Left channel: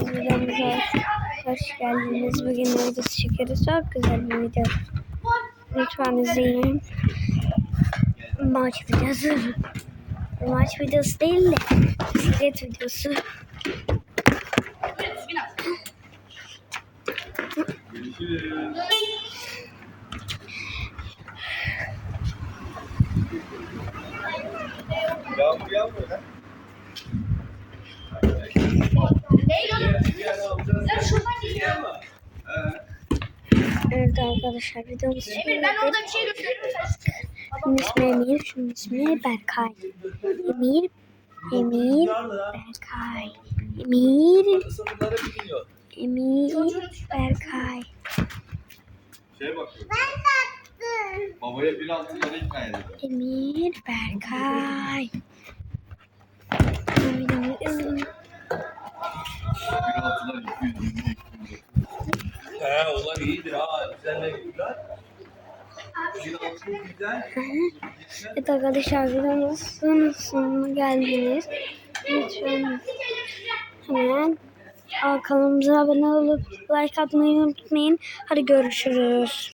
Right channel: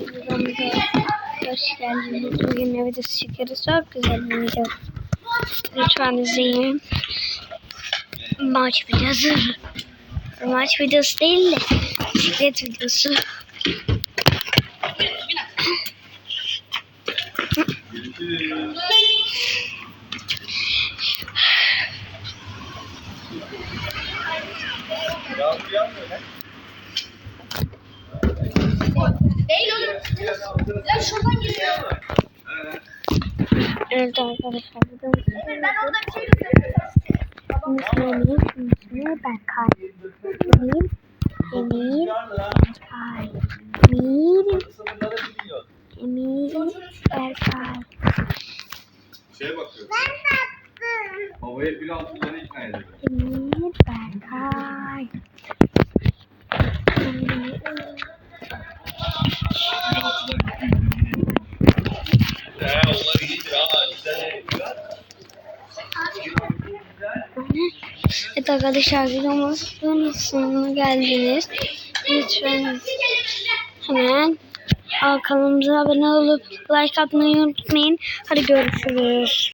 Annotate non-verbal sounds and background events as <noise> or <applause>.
Videomuza hoş geldiniz. Bugün videosu çekiyoruz? Çok güzel bir video. Lütfen izleyin. Maç videosu. Maç videosu değil de bisiklet videosu. Evet arkadaşlar videomuz Emir ben orada bir şey göstereyim. Şunun ismi Emir, şunun ismi Berkay. Emir, Emir, Berkay. Emir, Emir, Berkay. Şeye bakıyorum. Babaya bir altı lira ikna edildi. Emir, Berkay. Emir, <laughs> Bir He onlar iyidir ha. İşte Evet arkadaşlar videomuzun sonuna geldiniz. Lütfen hemen kanalımıza abone olup like atmayı unutmayın. Hadi görüşürüz.